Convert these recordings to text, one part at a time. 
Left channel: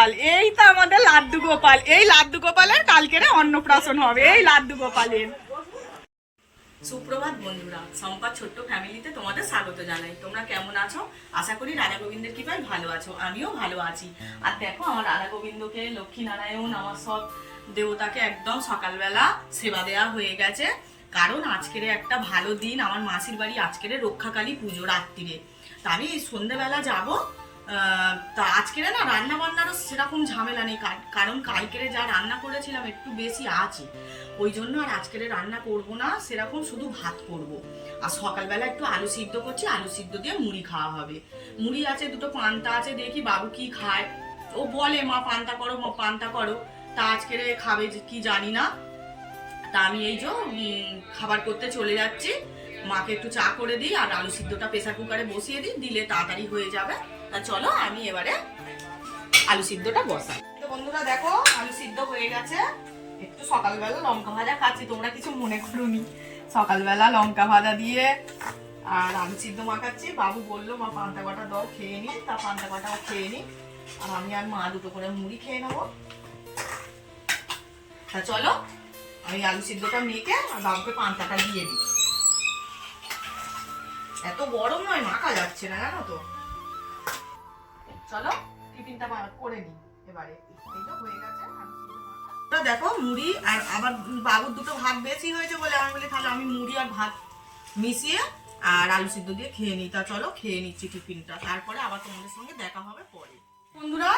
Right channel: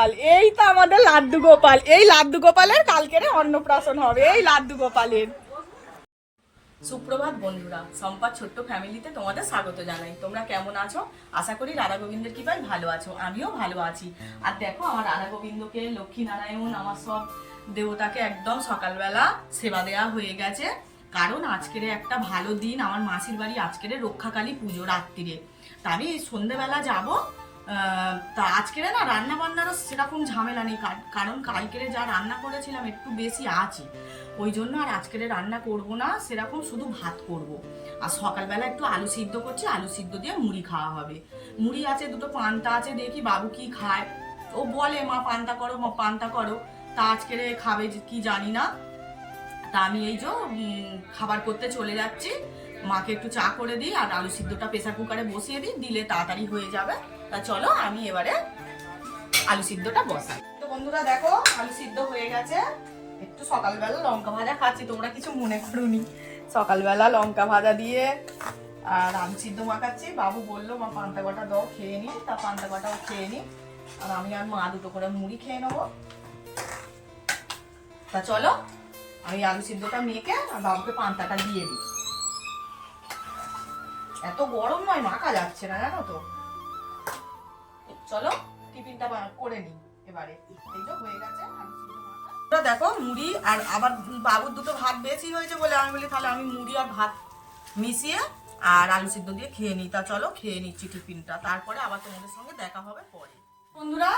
গোপাল, এই তো আমাদের লাড্ডু গোপাল। এই লাড্ডু গোপালের কালকেরে অন্নপ্রাশন হবে, এই লাড্ডু গোপালের। সুপ্রভাত বন্ধুরা, সম্পাদ ছোট্ট ফ্যামিলিতে তোমাদের স্বাগত জানাই। তোমরা কেমন আছো? আশা করি রাধা গোবিন্দের কৃপায় ভালো আছো, আমিও ভালো আছি। আর দেখো আমার রাধা গোবিন্দকে, লক্ষ্মী নারায়ণ, আমার সব দেবতাকে একদম সকালবেলা সেবা দেওয়া হয়ে গেছে। কারণ আজকের একটা ভালো দিন, আমার মাসির বাড়ি আজকের রক্ষাকালী পুজো রাত্রিরে। তা আমি সন্ধ্যেবেলা যাবো। তা আজকের না রান্না বান্নারও সেরকম ঝামেলা নেই, কারণ কালকেরে যা রান্না করেছিলাম একটু বেশি আছে, ওই জন্য আর আজকের রান্না করব না, সেরকম শুধু ভাত করব। আর সকালবেলা একটু আলু সিদ্ধ করছি, আলু সিদ্ধ দিয়ে মুড়ি খাওয়া হবে। মুড়ি আছে, দুটো পান্তা আছে, দেখি বাবু কি খায়। ও বলে মা পান্তা করো, মা পান্তা করো। তা আজকের খাবে কি জানি না। তা আমি এই যে খাবার করতে চলে যাচ্ছি। মাকে একটু চা করে দিই আর আলু সিদ্ধটা প্রেসার কুকারে বসিয়ে দিই, দিলে তাড়াতাড়ি হয়ে যাবে। তা চলো আমি এবারে আলু সিদ্ধটা বসাই। তো বন্ধুরা দেখো আলু সিদ্ধ হয়ে গেছে। একটু সকালবেলা লঙ্কা ভাজা খাচ্ছি, তোমরা কিছু মনে করুনি। সকালবেলা লঙ্কা ভাজা দিয়ে আর আলু সিদ্ধ মাখাচ্ছি। বাবু বললো মা পান্তা কটা দাও, খেয়ে নি। তা পান্তা কটাও খেয়ে নি। আর আমি আর মা দুটো করে মুড়ি খেয়ে নেবো। তা চলো আমি আলু সিদ্ধটা মেখে আর বাবুকে পান্তাটা দিয়ে দিই। এত গরম নয়, মাখা যাচ্ছে না জানো তো। চলো টিফিনটা করে নিই এবারে। এই তো হয়ে গেছে দেখো মুড়ি। আর আবার বাবুর দুটো ভাত বেশি হয়েছে বলে আমি বলি তাহলে আমি মুড়ি আর ভাত মিশিয়ে আর আলু সিদ্ধ দিয়ে খেয়ে নিই। তা চলো খেয়ে নিচ্ছি টিফিনটা, তারপরে আবার তোমাদের সঙ্গে দেখা হবে পরে। বন্ধুরা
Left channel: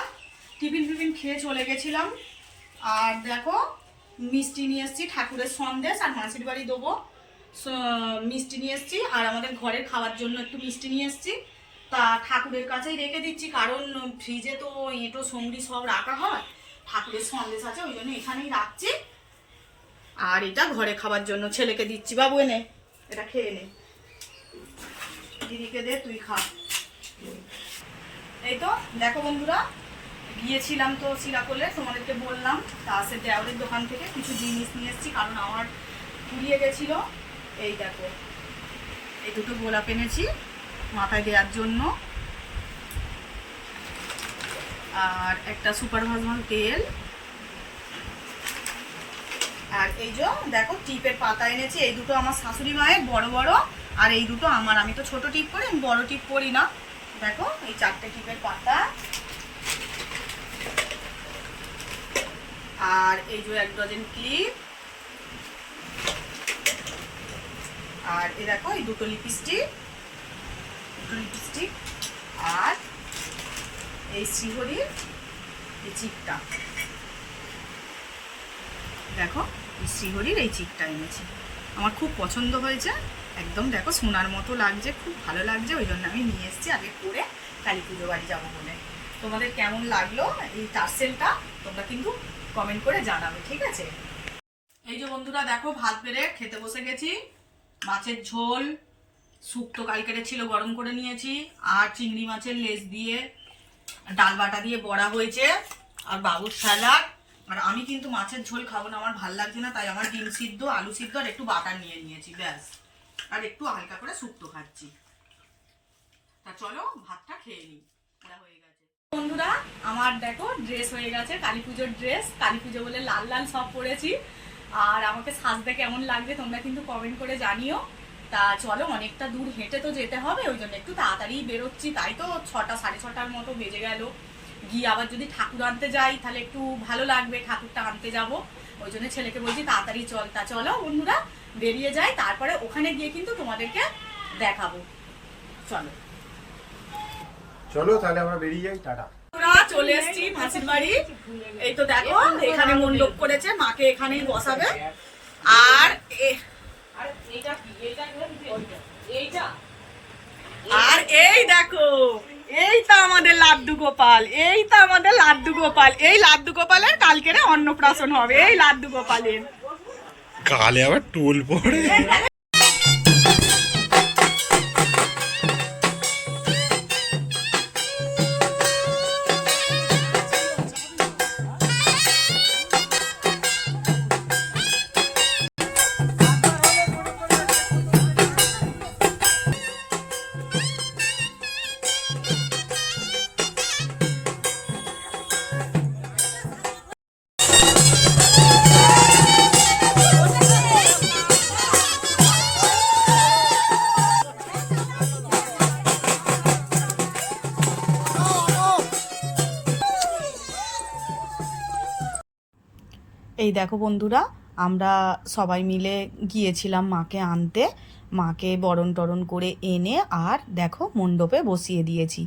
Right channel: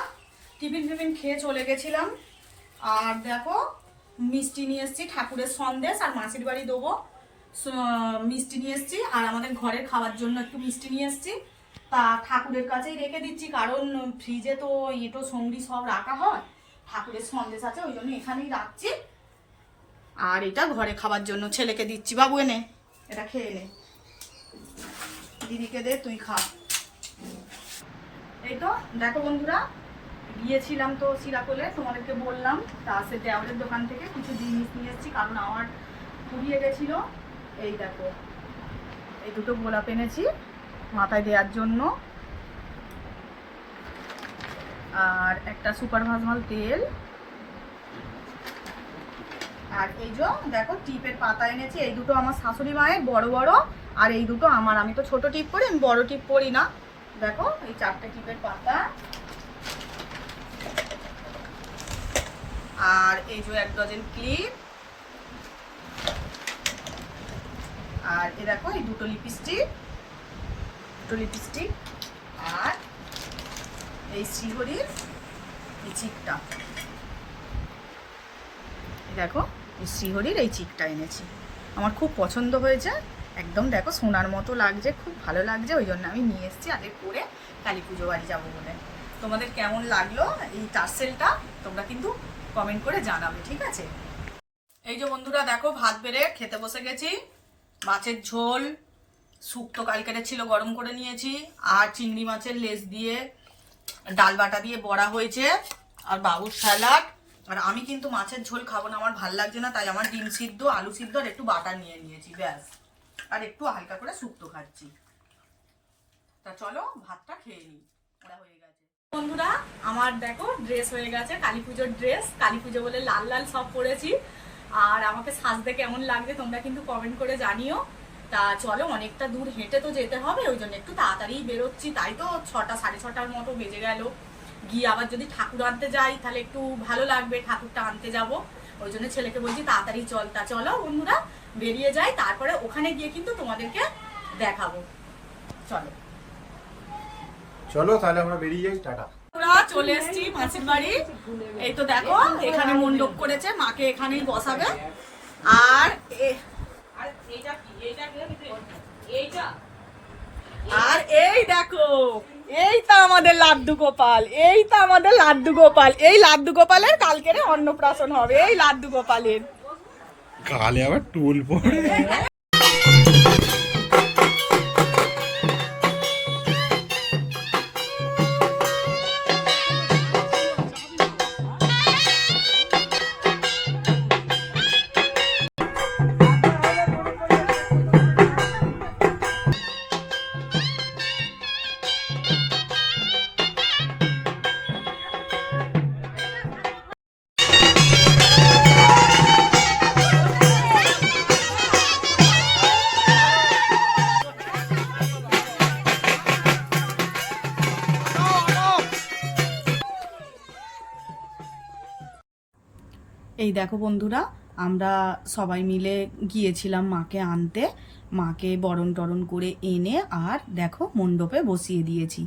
টিফিন খেয়ে চলে গেছিলাম। আর দেখো মিষ্টি নিয়ে এসছি, ঠাকুরের সন্দেশ আর মাসির বাড়ি দেবো মিষ্টি নিয়ে এসছি। আর আমাদের ঘরের খাওয়ার জন্য একটু মিষ্টি নিয়ে এসছি। তা ঠাকুরের কাছেই রেখে দিচ্ছি, কারণ ফ্রিজে তো এঁটো সঙ্গী সব রাখা হয়। ঠাকুরের সন্দেশ আছে, ওই জন্য এখানেই রাখছি। আর এটা ঘরে খাবার জন্য ছেলেকে দিচ্ছি। বাবু এনে এটা খেয়ে নে, দিদিকে দে, তুই খা। এই তো দেখো বন্ধুরা গিয়েছিলাম তো সিরাকোলে, তোমাদেরকে বললাম। তা সে দেওয়ালের দোকান থেকে কিছু জিনিস নিয়ে এসেছি, কারণ আমার ফুরিয়ে গেছিল। এই দেখো এই দুটো গোলাপ এনেছি মাথায় দেওয়ার জন্য, আর একটা সুপার ভাজমাল তেল, আর এই যে দেখো টিপের পাতা এনেছি। এই দুটো আমার শাশুড়ি মায়ের বড় বড়, আর এই দুটো আমার। আমি তো ছোট টিপ পরি, আমি বড় টিপ পরি না। দেখো এই 4টে টিপের পাতা, আর এই যে 1 ডজন ক্লিপ, আর এই দেখো এই দুটো লিপস্টিক, আর এই শ্রীহরির এই চিকটা। দেখো এই শ্রীহরির এই চিকটা এনেছি, আমার খুব পছন্দ হয়েছে। একদম দেখো সোনার মতো লাগছে, খুব ভালো লাগছে, ওই জন্য আমি নিয়ে এসেছি আগে করে কালী পুজো বাড়ি যাবো বলে। তোমাদের কেমন লাগলো এই টার্সেলটা তোমরা কিন্তু কমেন্ট করে জানাবে, ঠিক আছে? এই যে বন্ধুরা দেখো ভাত বেড়ে খেতে বসে গেছি। মাছের ঝোল শুক্তো কালকেরে ছিল, গরম করে নিয়েছি। আর চিংড়ি মাছের লেজ দিয়ে ডাল বাটা দিয়ে বড়া হয়েছে, আর বাবুর স্যালাড। আর আমি কিন্তু মাছের ঝোল খাবো না, আমার ভাল লাগছে না, তাই আমার ডিম সিদ্ধ, আলু সিদ্ধ আর একটু বাটার নিয়ে নিয়েছি, ব্যাস। আর একটু হালকা করে শুক্তো খাচ্ছি। তা চলো ভাতটা খেয়ে নিই, ওরা হয়ে গেছে। বন্ধুরা আমার দেখো ড্রেস হয়ে গেছে, কালী পুজোর ড্রেস। কালী পুজো বলে লাল লাল সব পরেছি। আর আমাকে সাজতে কেমন লাগবে তোমরা কিন্তু কমেন্ট করে জানিও। তা চলো অনেকটা দূর হেঁটে তো যেতে হবে, ওই জন্য একটু তাড়াতাড়ি বেরোচ্ছি। তাই তো 6টা 6:30টার মতো বেজে গেল। গিয়ে আবার যদি ঠাকুর আনতে যাই তাহলে একটু ভালো লাগবে, ঠাকুরটা আনতে যাব, ওই জন্য ছেলেকে বলছি তাড়াতাড়ি চল। তা চলো বন্ধুরা বেরিয়ে যাই, তারপরে ওখানে গিয়ে কিন্তু তোমাদেরকে দেখাবো। চলো চলো তাহলে আমরা বেরিয়ে যাই, টাটা। চলে এসেছি মাসির বাড়ি। এই তো দেখো এখানে মণ্ডপ করেছে, মাকে এখানেই বসাবে। আর এই দেখো এই তো আমাদের লাড্ডু গোপাল, এই তো আমাদের লাড্ডু গোপাল। এই লাড্ডু গোপালের কালকেরে অন্নপ্রাশন হবে, এই লাড্ডু গোপালের। কালে আবার টোল পড়ে। এই দেখো বন্ধুরা, আমরা সবাই মিলে গিয়েছিলাম মাকে আনতে। মাকে বরণ টরণ করে এনে আর দেখো মণ্ডপে বসিয়ে দিয়েছি।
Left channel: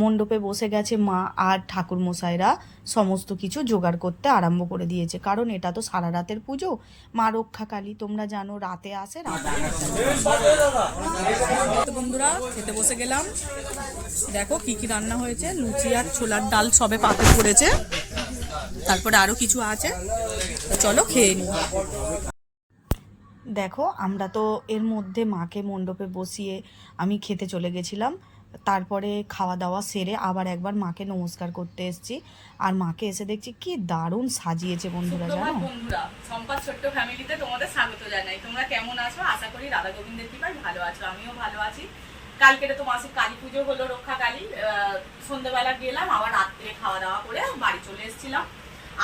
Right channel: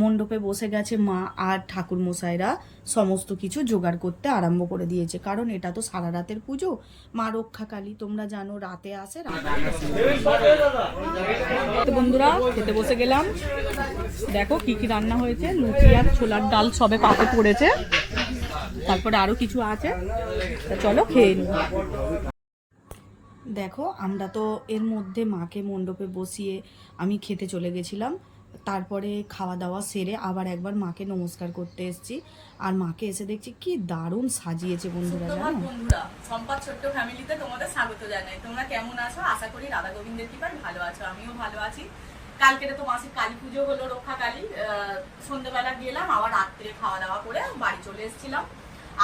মণ্ডপে বসে গেছে মা, আর ঠাকুরমশাইরা সমস্ত কিছু জোগাড় করতে আরম্ভ করে দিয়েছে, কারণ এটা তো সারা রাতের পুজো। মা রক্ষাকালী, তোমরা জানো রাতে আসে, রাতে তো বন্ধুরা খেতে বসে গেলাম। দেখো কি কি রান্না হয়েছে, লুচি আর ছোলার ডাল সবে পাতে পড়েছে, তারপরে আরও কিছু আছে, তো চলো খেয়ে নিই। দেখো আমরা তো এর মধ্যে মাকে মণ্ডপে বসিয়ে আমি খেতে চলে গেছিলাম। তারপরে খাওয়া দাওয়া সেরে আবার একবার মাকে নমস্কার করতে এসেছি। আর মাকে এসে দেখছি কি দারুণ সাজিয়েছে বন্ধুরা, জানো। বন্ধুরা, সম্পাদ ছোট্ট ফ্যামিলিতে তোমাদের স্বাগত জানাই। তোমরা কেমন আছো? আশা করি রাধা গোবিন্দের কৃপায় ভালো আছো, আমিও ভালো আছি। কালকে তো মাসির কালী পুজো হলো, রক্ষাকালী। সন্ধ্যেবেলা গেলাম, আবার রাত্রে খাওয়া দাওয়া করে বাড়ি চলে এসেছিলাম।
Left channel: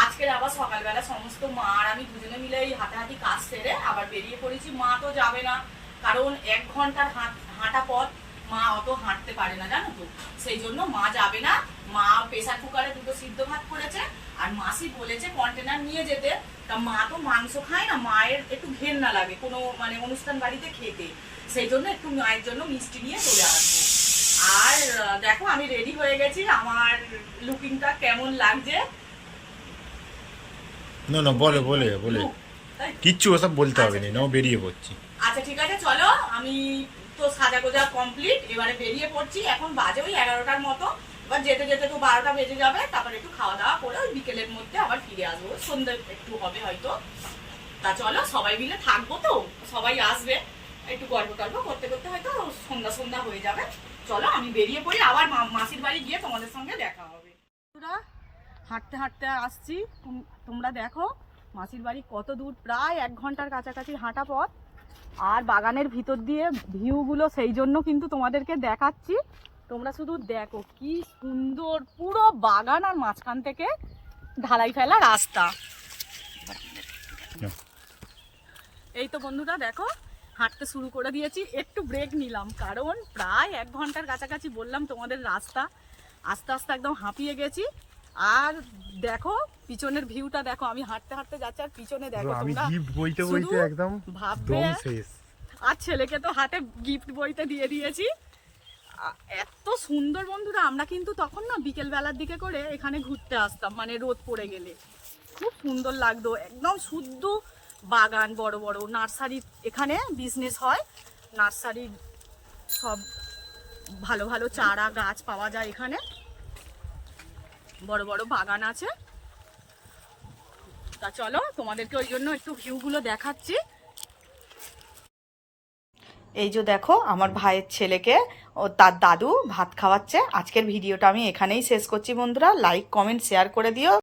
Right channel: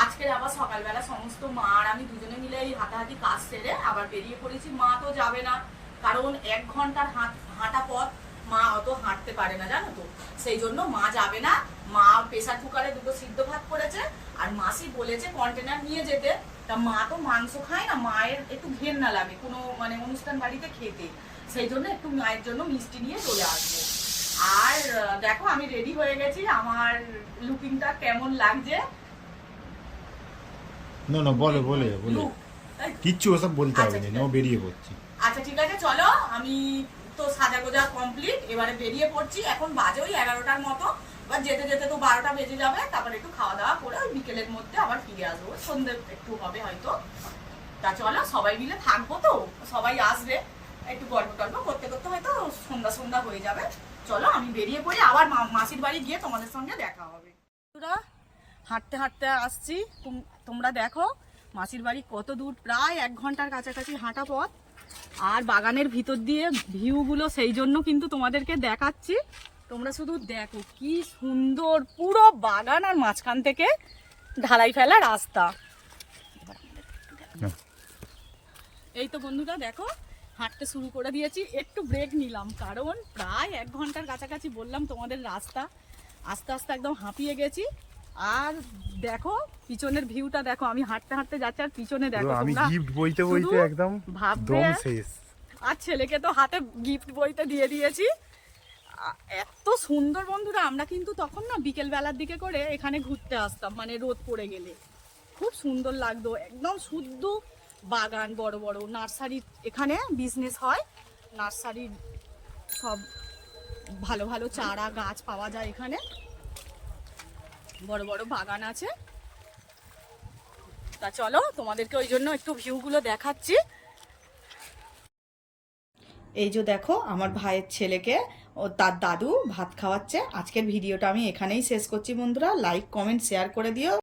আজকের আবার সকালবেলা সমস্ত মা আর আমি দুজনে মিলে এই হাঁটাহাঁটি কাজ সেরে আবার বেরিয়ে পড়েছি। মা তো যাবে না, কারণ 1 ঘন্টার হাঁটা পথ, মা অত হাঁটতে পারে না, জানো তো। সেই জন্য মা যাবে না। মা প্রেসার কুকারে 2টো সিদ্ধ ভাত করেছে, আর মাসি বলেছে কন্টেনার নিয়ে যেতে। তা মা তো মাংস খায় না, মায়ের একটু ঘেন্না লাগে কোনো মানে অনুষ্ঠান বাড়িতে খেতে। সেই জন্য একটু মায়ের জন্য মিষ্টি নিয়ে চলে আসবো। আর দেখো আমি রেডি হয়ে গেছি, আমার লুকিংটা কেমন লাগছে। না না, বলে বলে বলে কিচ্ছু ওসব বলতে হবে না, নাও বেরিয়ে পড়ছি। আচ্ছা ঠিক আছে, চলো। আমি তো সাজা গোজা কমপ্লিট, এবারে বেরিয়ে পড়ছি। এখন বাজে ওই 11টার মতো, এবার যেতে যেতে তো 12টা বেজে যাবে। তারপরে একটু খাওয়া দাওয়া করে ওই বিকেলের মধ্যে আবার ফিরে আসবো, সন্ধ্যে একটু হবে হয়তো। তা চলো, সবাই মিলে থাকবো তো, সবাই আসবে, একটু গল্প টল্প করতে করতে হয়তো সন্ধ্যা সন্ধ্যা হয়ে যাবে। চলো আমি বেরিয়ে পড়ি, আবার মাসির বাড়ি গিয়ে তোমাদের সঙ্গে দেখা হবে। হাঁটতে হাঁটতে আসছি, তোমরা দেখো মাসির বাড়ি কত দূর, প্রায় 1 ঘন্টার কাছাকাছি হাঁটা পথ। আর বাগানের ভিতর দিয়ে ভিউগুলো সেই জন্য কিন্তু তোমাদেরকে দেখাচ্ছি। তোমরা শুধু দেখো কি সুন্দর, পুরো বাগান আর মাঝখান থেকে ঢালাই ফেলা রাস্তা। এই তো বন্ধুরা দেখো, হাঁটতে শুরু করে দিয়েছি। একটু ব্রেক নিলাম, কারণ প্রায় 1 ঘন্টার কাছাকাছি বললাম তোমাদের রাস্তা। আস্তে আস্তে একদম হাঁপিয়ে গেছি। আর দেখো পিছনের ভিউটা দেখো, আমি হাঁটতে হাঁটতে যাচ্ছি আর পিছনে দেখো, আমি গিফট বইতে বইতে একদম দম শেষ। আর ছেলেকে তো হাতে গিফট বইতে দিয়ে দিয়েছি। এত সুন্দর বন্ধুরা, আমরা কিন্তু তখন না বিকেল বেলার দিকে করে এখানে ঘুরতে আসতাম, মানে রোদ পড়ে গেলে খুব সুন্দর লাগতো। একদম শুদ্ধ বাগান, বড় বড় নার্সারি এখানে বিজনেস হয়। নার্সারির সব ভালো ভালো চারা গাছ পাওয়া যায় এখানে, বড় বড় বাগান আছে। তা চলো তোমাদেরকে ওই জন্য একটু ভিউগুলো দেখাচ্ছি। এই যে দেখো আমার ভাইয়ের ছেলেকে ও তার দাদু ভাত খাওয়াচ্ছে। আজকের ভিডিওটা আমি এখানেই শেষ করছি বন্ধুরা। লাইক কমেন্ট শেয়ার করে দিও।